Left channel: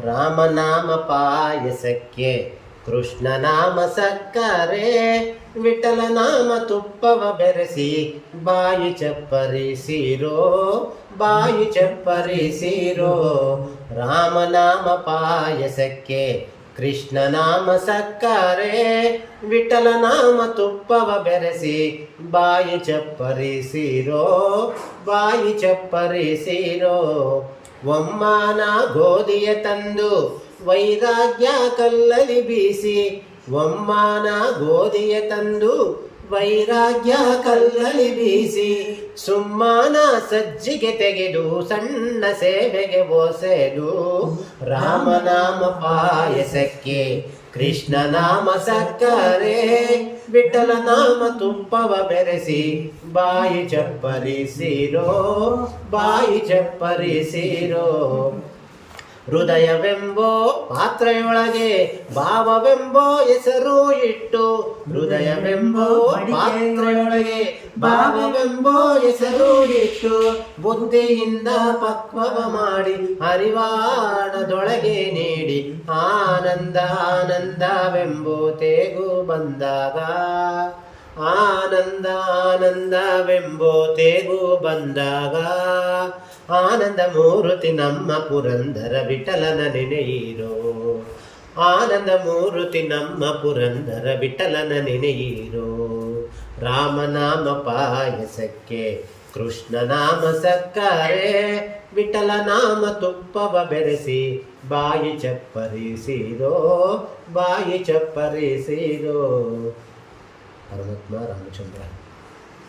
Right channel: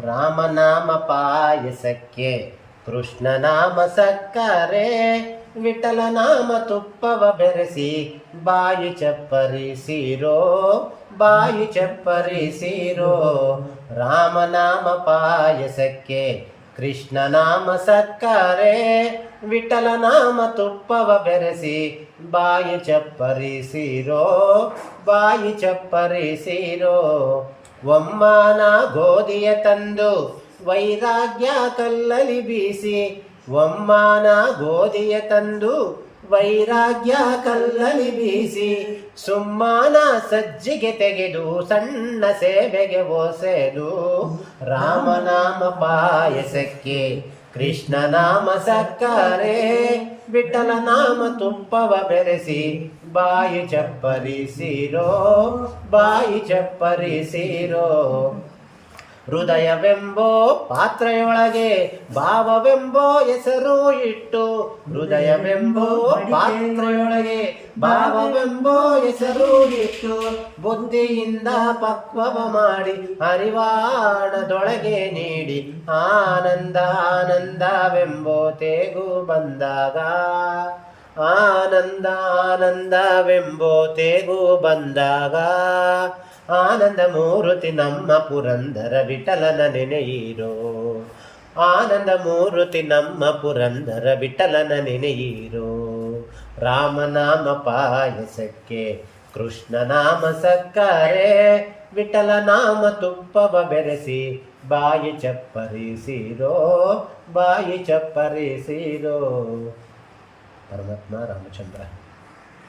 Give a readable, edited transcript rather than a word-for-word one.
ರಾಮನಾಮ ಪಾಯಸಕ್ಕೆ ಕೃಷ್ಣನಾಮ ಸಕ್ಕರೆ, ವಿಠಲನಾಮ ತುಪ್ಪವ ಬೆರೆಸಿ ಬಾಯಿ ಚಪ್ಪರಿಸಿರೋ, ಬಾಯಿ ಚಪ್ಪರಿಸಿರೋ. ರಾಮನಾಮ ಪಾಯಸಕ್ಕೆ ಕೃಷ್ಣನಾಮ ಸಕ್ಕರೆ, ವಿಠಲನಾಮ ತುಪ್ಪವ ಬೆರೆಸಿ ಬಾಯಿ ಚಪ್ಪರಿಸಿರೋ, ಬಾಯಿ ಚಪ್ಪರಿಸಿರೋ. ಒಮ್ಮಾನ ಗೋಧಿಯ ತಂದು ವೈರಾಗ್ಯ ಕಲ್ಲಲಿ ಬೀಸಿ, ಒಮ್ಮಾನ ಗೋಧಿಯ ತಂದು ವೈರಾಗ್ಯ ಕಲ್ಲಲಿ ಬೀಸಿ, ಸುಮ್ಮಾನ ಸಜ್ಜಿಗೆ ತೆಗೆದು ಸಣ್ಣ ಸೇವೆಗೆ ಓಸೆದು. ರಾಮನಾಮ ಪಾಯಸಕ್ಕೆ ಕೃಷ್ಣನಾಮ ಸಕ್ಕರೆ, ವಿಠಲನಾಮ ತುಪ್ಪವ ಬೆರೆಸಿ ಬಾಯಿ ಚಪ್ಪರಿಸಿರೋ, ಬಾಯಿ ಚಪ್ಪರಿಸಿರೋ. ಹೃದಯವೆಂಬೋ ಪಾತ್ರೆಯೊಳಗೆ ಭಾವವೆಂಬೋ ಹೆಸರು ಇಟ್ಟು, ಹೃದಯವೆಂಬೋ ಪಾತ್ರೆಯೊಳಗೆ ಭಾವವೆಂಬೋ ಹೆಸರು ಇಟ್ಟು, ಬುದ್ಧಿಯಿಂದ ಪಕ್ವವ ಮಾಡಿ ಅರಿವಾಣದೊಳಗೆ ನೀಡಿ, ಆನಂದ ಆನಂದವೆಂಬೋ ತೇಗು ಬಂದಾಗ, ಆನಂದ ಆನಂದವೆಂಬೋ ತೇಗು ಬಂದಾಗ. ಆನಂದ ಮೂರ್ತಿ ನಮ್ಮ ಪುರಂದರ ವಿಠಲನ ನೆನೆಯಿರೋ, ಆನಂದ ಮೂರ್ತಿ ನಮ್ಮ ಪುರಂದರ ವಿಠಲನ ನೆನೆಯಿರೋ. ರಾಮನಾಮ ಪಾಯಸಕ್ಕೆ ಕೃಷ್ಣನಾಮ ಸಕ್ಕರೆ, ವಿಠಲನಾಮ ತುಪ್ಪವ ಬೆರೆಸಿ ಬಾಯಿ ಚಪ್ಪರಿಸಿರೋ, ಬಾಯಿ ಚಪ್ಪರಿಸಿರೋ. ಪರಮಾತ್ಮ ರಾಮಚಂದ್ರ.